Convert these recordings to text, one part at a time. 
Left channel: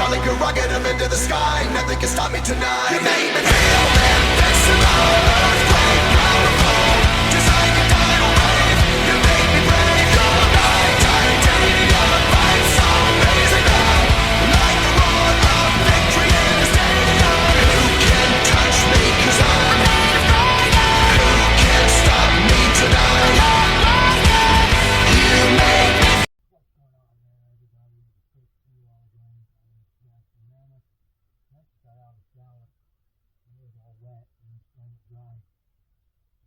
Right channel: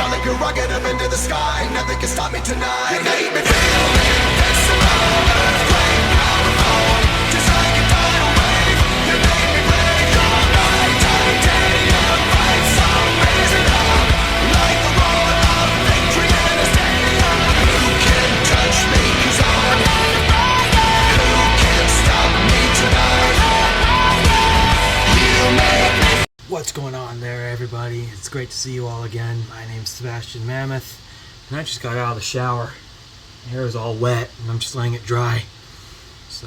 Shot like a rocket up into the sky. Nothing can stop me tonight. You made me feel invincible. Earthquake, powerful. Just like a tidal wave. You made me brave. You're my titanium fight song. Raise it up like the roar of victory in a stadium. Who can touch me? 'Cause I'm. Who can stop me tonight? You make me. What's going on there, everybody? It's great to see you all again. My name's Sebastian Mammoth, and I just got out of the shower. My hair is all wet, and I'm just letting it dry. So,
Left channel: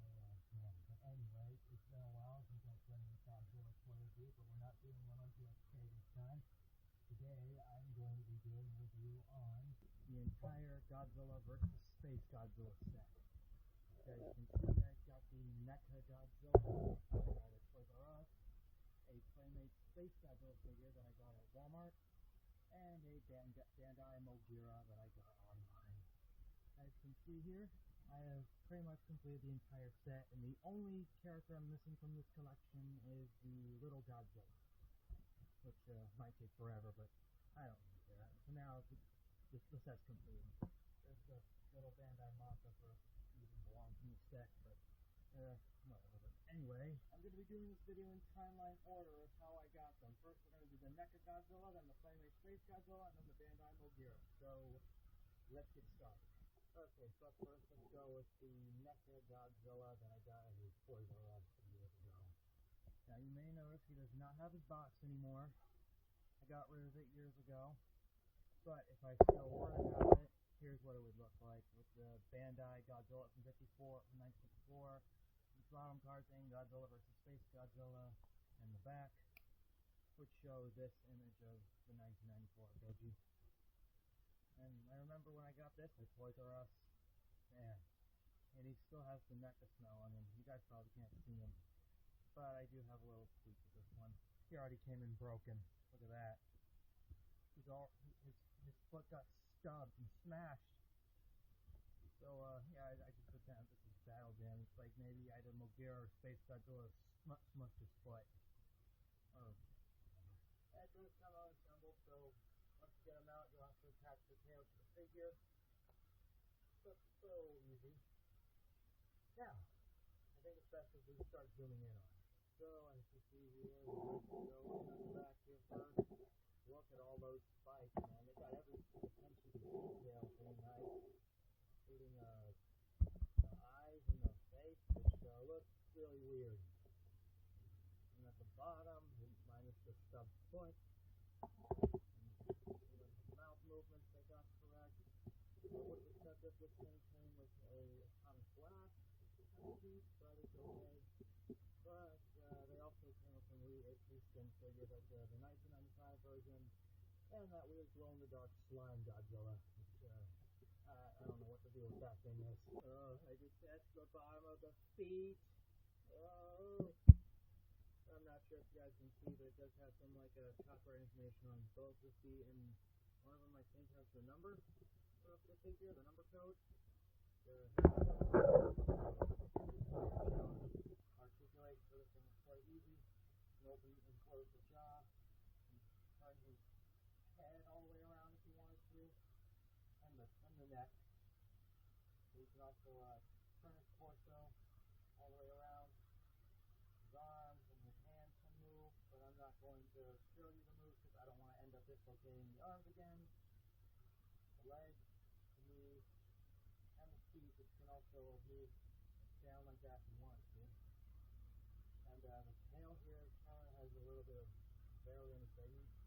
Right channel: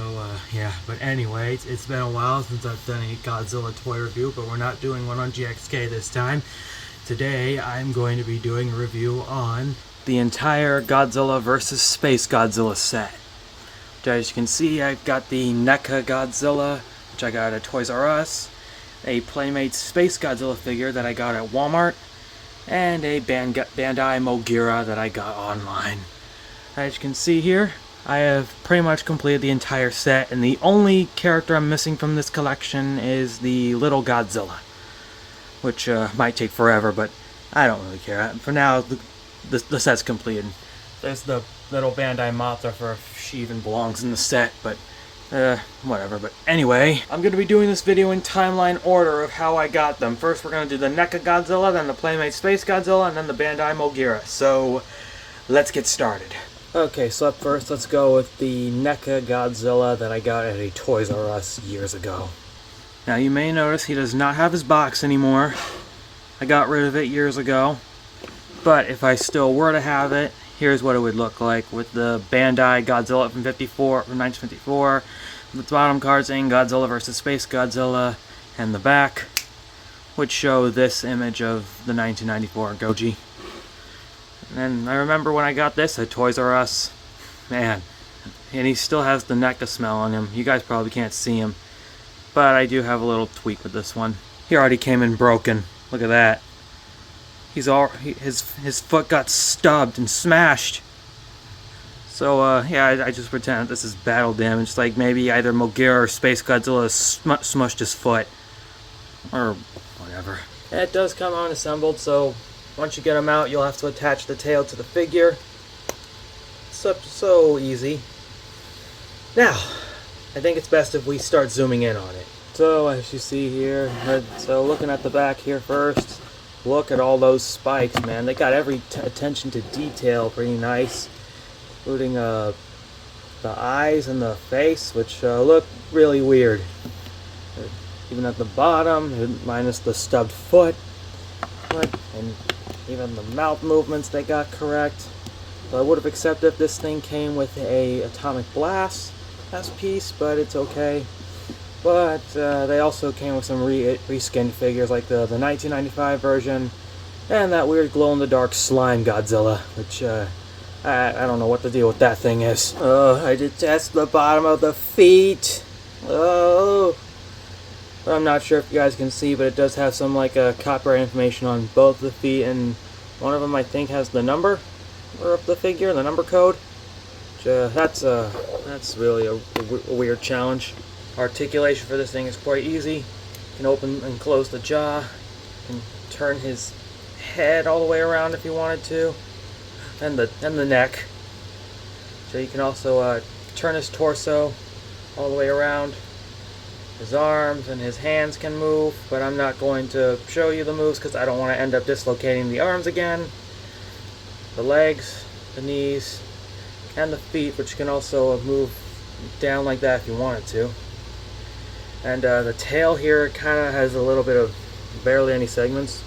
yeah. But anyway, it's been a while since I've done a Godzilla toy review, but we're not doing one on GXK this time. Today, I'm going to be doing a review on the entire Godzilla vs. Spacegodzilla set. As you can see, I've got the NECA Godzilla, which I got at Toys R Us, a Playmate Spacegodzilla figure that I got at Walmart, and a Bandai Mogira that I got online. As you can see here, I have pretty much completed the entire set, and the only character I'm missing from this collection is the little Godzilla, which might take forever, but I don't really care. For now, the set's completed. There's the little Bandai Mothra for if she even belongs in the set, but whatever. But anyway, I'm going to be doing this video in timeline order of how I got them. First, we're going to do the NECA Godzilla, then the Playmate Spacegodzilla, and then the Bandai Mogira. So, let's get started. Okay, so up first, let's go with the NECA Godzilla that I got at a Toys R Us years ago. Now, you may notice he does not have his box anymore. I got rid of it years ago. But if I still were to have it, here's what it would look like with the Bandai Godzilla from 1954. The bottom card saying Godzilla vs. Spacegodzilla, and the back would show this image of the 1994 Goji. And I remember when I got this at Toys R Us, man, and he still has the NECA smell on him. You guys probably can't see him, but I do have a little tweak with this one. He already came in broken. Look at that. His foot got stubbed and smashed. So yeah, I just pretend this is battle damage, like maybe either Mogira or Spacegodzilla smushed his foot, or whatever. It does come unassembled, so once you get him out, you'll have to attach the tail to the figure. So easy. Now, I think it's best if we start zooming in on it. So as you see here, so looking at the back here first. Look at all those spikes, man. They got every attention to detail pretty nice, including the eyes and the face, which look really weird. Even at the bottom, minus the stubbed foot, and even the mouth movements they got correct. So I would have accepted if this thing came with a Atomic Blast as piece, but it's okay. But they also came with some reskinned figures, like the 1995 version, and that weird glow-in-the-dark slime Godzilla, which I don't know what the deal with that thing is. Oh, I detest the bottom of the feet. Oh, but I'm not sure if you guys can see, but it does have some like copyright information on both the feet, and one of them I think has the number of the figure, the number code. Which, that's really a weird challenge. Articulation for this thing is quite easy. You can open and close the jaw. You can turn his head all the way around if you wanted to, and the neck. So you can also turn his torso all the way around. His arms and his hands can move, but I'm not going to show you the moves because I don't want to end up dislocating the arms again. The legs, the knees, and the feet, which can also move down like that if you wanted to. And the tail here kind of has a little bit of barely any segments,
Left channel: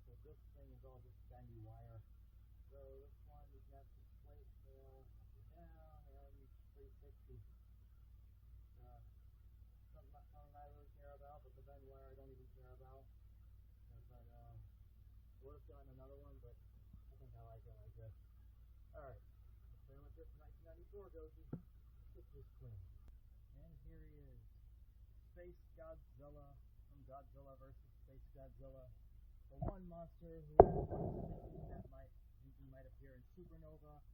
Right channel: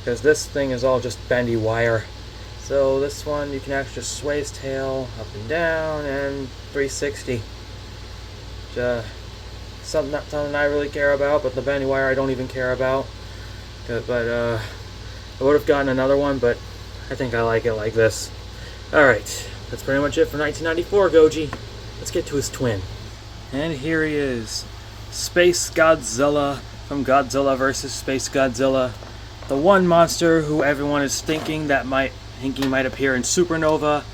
because this thing is all just bendy wire. So this one, you can actually just sway his tail up and down and 360. Something I really care about, but the bendy wire I don't even care about. But I would have gotten another one, but I think I like it like this. Alright, that's pretty much it for 1994 Goji. Let's get to his twin. And here he is. Spacegodzilla from Godzilla vs. Spacegodzilla. The one monster who everyone is thinking might appear in Supernova,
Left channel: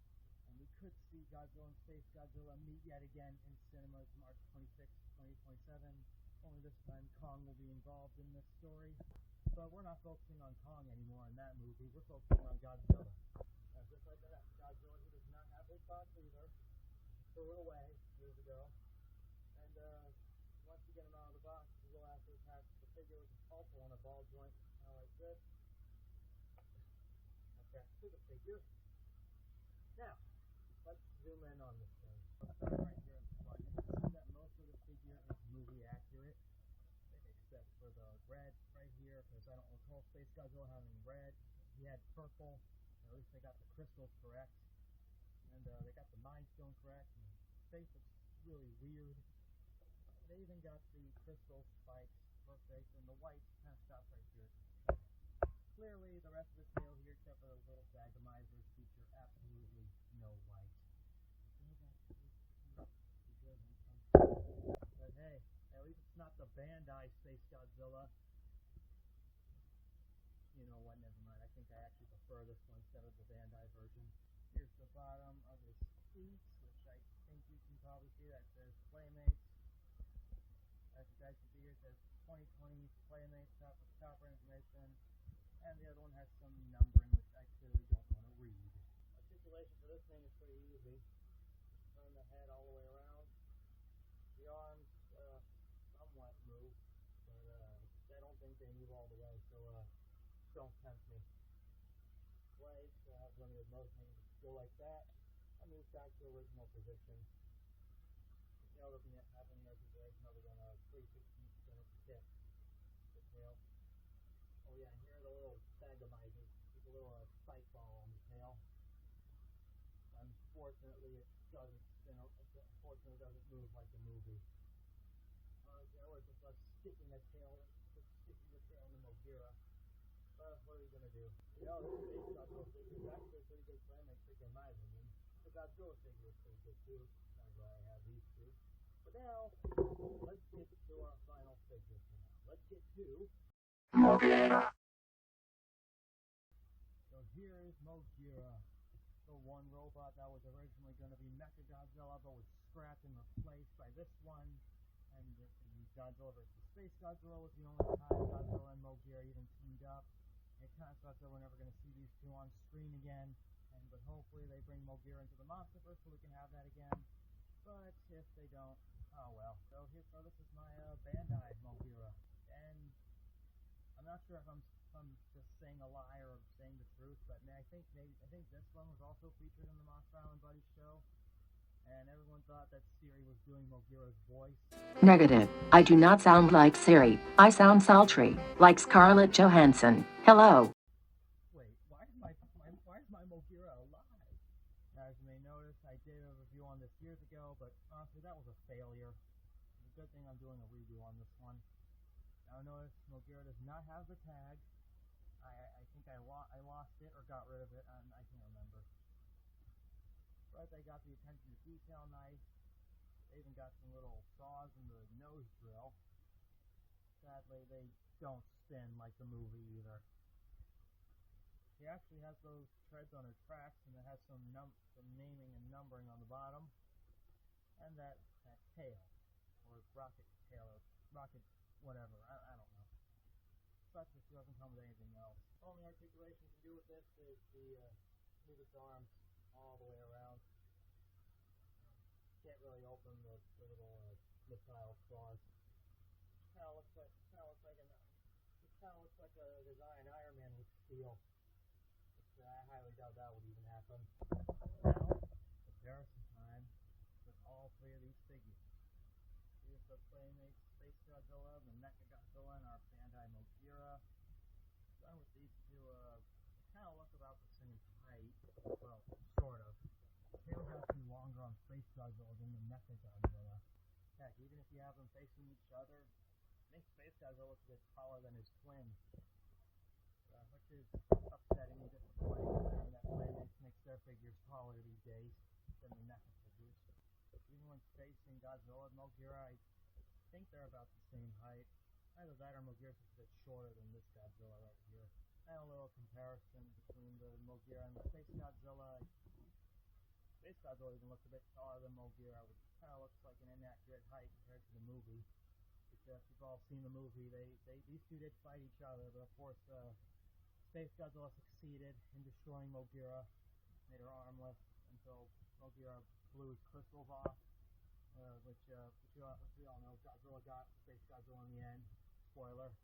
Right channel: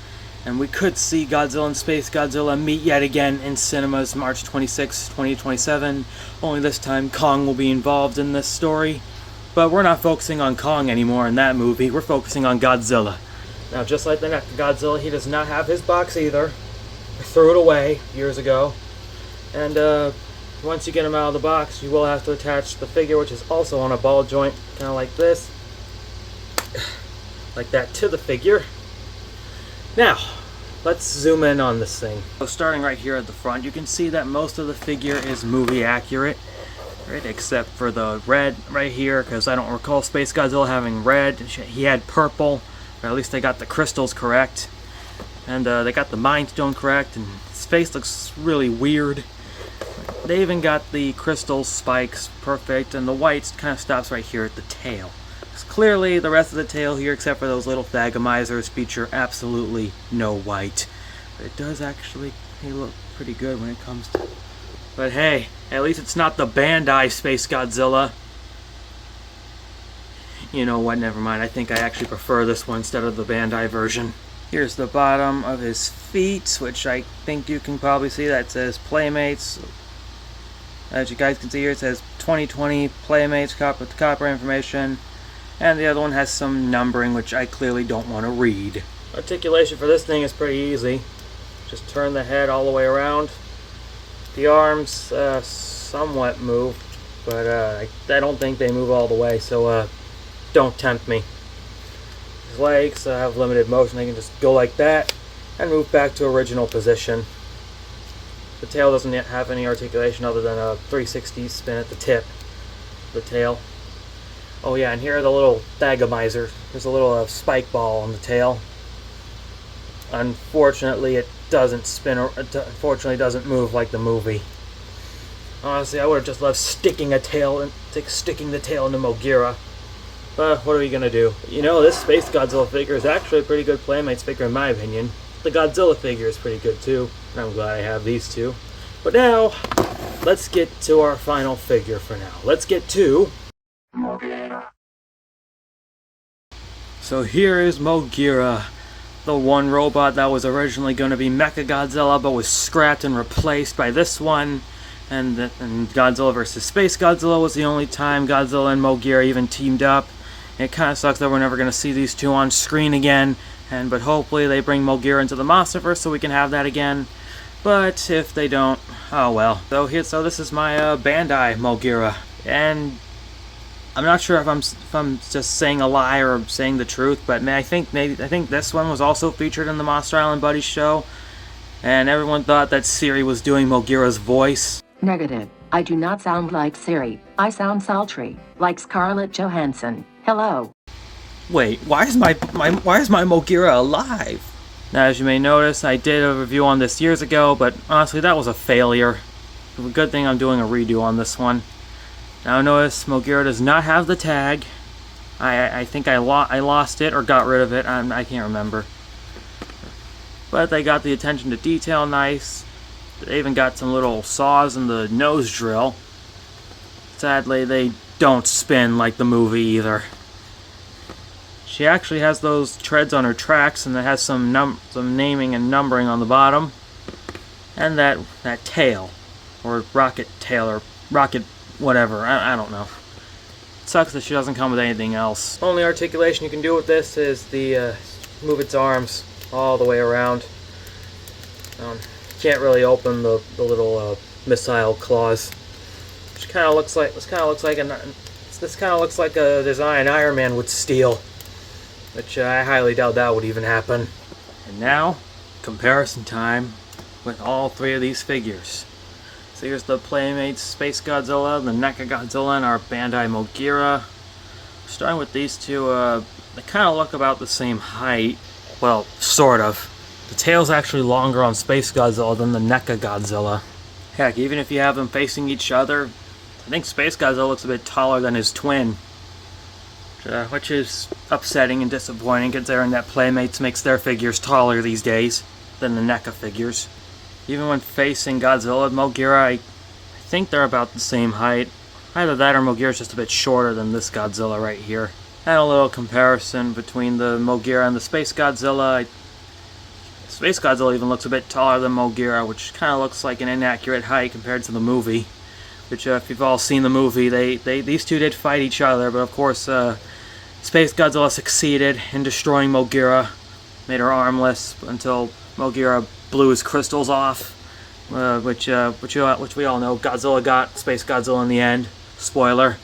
and we could see Godzilla and Spacegodzilla meet yet again in cinemas March 26, 2027. Only this time Kong will be involved in this story. But we're not focusing on Kong anymore in that movie. We're focusing on Godzilla. Now, just like the Godzilla, he does not have his box either. I threw it away years ago. And once you get him out of the box, you will have to attach the figure, which is also on a ball joint, kind of like this. Like that, to the figure. Now, let's zoom in on this thing. So starting right here at the front, you can see that most of the figure is movie accurate. Right, except for the red right here, because I don't recall Spacegodzilla having red. He had purple, but at least they got the crystals correct. And they got the Mind Stone correct, and his face looks really weird. They even got the crystal spikes perfect, and the white kind of stops right here at the tail. Clearly, the rest of the tail here, except for those little thagamizers, feature absolutely no white. But it does actually look pretty good when it comes to... But hey, at least it's not the Bandai Spacegodzilla. You know what, never mind. I think I actually prefer this one instead of the Bandai version. Here's the bottom of his feet, which I think you can probably see. That says Playmates. As you guys can see here, it says 2020 Playmates with copper information. And the other one has some numbering, which I clearly don't want to read. Articulation for this thing is pretty easy. Just turn the head all the way around. The arms somewhat move, but I don't think they move all the way, so don't tempt me. His legs have limited motion. They can just go like that and move back to original position. The tail doesn't yet have any articulation other than a 360 spin at the tip of the tail. Oh yeah, and here are the little thagamizers. There's a little spike ball on the tail. Unfortunately, it doesn't spin, or unfortunately doesn't move like the movie. Honestly, I would have just loved sticking the tail into Mogira. But what are we gonna do? You know, this Spacegodzilla figure is actually a pretty good Playmates figure in my opinion. The Godzilla figure is pretty good too, and I'm glad I have these two. But now, let's get to our final figure for now. Let's get to... Mogira. So here is Mogira. The one robot that was originally going to be Mechagodzilla but was scrapped and replaced by this one. And Godzilla vs. Spacegodzilla was the only time Godzilla and Mogira even teamed up. It kind of sucks that we're never going to see these two on screen again. But hopefully they bring Mogira into the Monsterverse so we can have that again. But if they don't, oh well. So this is my Bandai Mogira. And I'm not sure if I'm just saying a lie or saying the truth, but I think this one was also featured in the Monster Island Buddies show, and everyone thought that Siri was doing Mogira's voice. Negative. I do not sound like Siri. I sound sultry, like Scarlett Johansson. Hello. Wait, why is my Mogira alive? Now, as you may notice, I did a review on this years ago, but honestly, that was a failure. Good thing I'm doing a redo on this one. Now notice Mogira does not have the tag. I think I lost it or got rid of it. I can't remember. But they got the attention to detail nice. They even got some little saws in the nose drill. Sadly, they don't spin like the movie either. She actually has those treads on her tracks, and it has some naming and numbering on the bottom. And that tail, or rocket tail, or rocket whatever, I don't know. It sucks that she doesn't come with anything else. Only articulation you can do with this is the move its arms all the way around. Can't really open the little missile claws, which kind of looks like this kind of looks like a design Iron Man would steal, which I highly doubt that would even happen. And now, comparison time with all three of these figures. So here's the Playmates Spacegodzilla, the Mechagodzilla, and our Bandai Mogira. Starting with these two, they kind of look about the same height. Well, sort of. The tail's actually longer on Spacegodzilla than the Mechagodzilla. Heck, even if you have them facing each other, I think Spacegodzilla looks a bit taller than his twin. Which is upsetting and disappointing considering that Playmates makes their figures taller these days than the NECA figures. Even when facing Godzilla and Mogira, I think they're about the same height. Either that or Mogira's just a bit shorter than this Godzilla right here. And a little comparison between the Mogira and the Spacegodzilla. Spacegodzilla even looks a bit taller than Mogira, which kind of looks like an inaccurate height compared to the movie. which if you've all seen the movie, these two did fight each other, but of course Spacegodzilla succeeded in destroying Mogira, made her armless until Mogira blew his crystals off, which we all know Godzilla got Spacegodzilla in the end. Spoiler.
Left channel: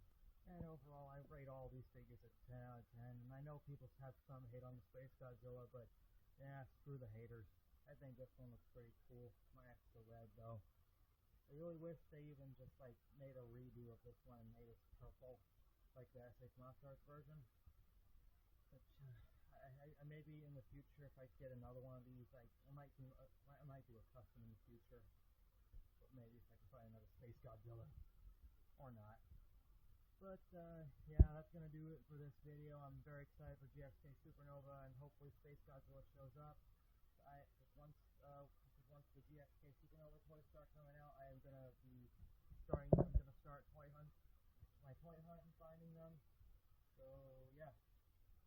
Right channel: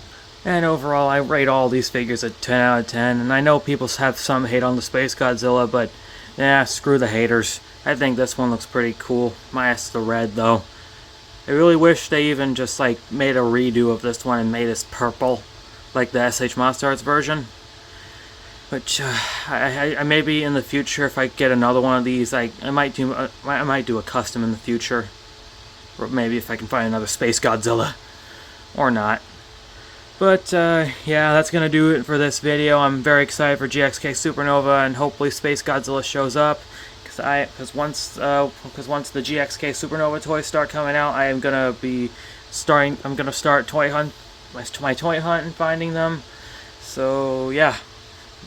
And overall, I rate all these figures a 10 out of 10, and I know people have some hate on the Spacegodzilla, but yeah, screw the haters. I think this one looks pretty cool, minus the red though. I really wish they even just like made a redo of this one and made this purple, like the SH Monster Arts version. Which I maybe in the future, if I get another one of these, I might do a custom in the future, or maybe if I can find another Spacegodzilla, or not. But yeah, that's gonna do it for this video. I'm very excited for GXK Supernova, and hopefully Spacegodzilla shows up. Because once the GXK Supernova toys start coming out, I'm gonna start my toy hunt and finding them. So yeah.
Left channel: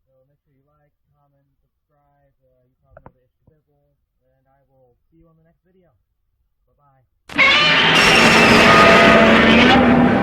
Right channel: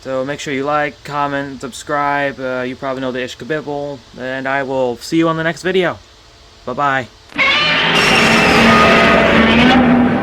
So make sure you like, comment, subscribe. You probably know the Ishkabibble, and I will see you on the next video. Bye bye.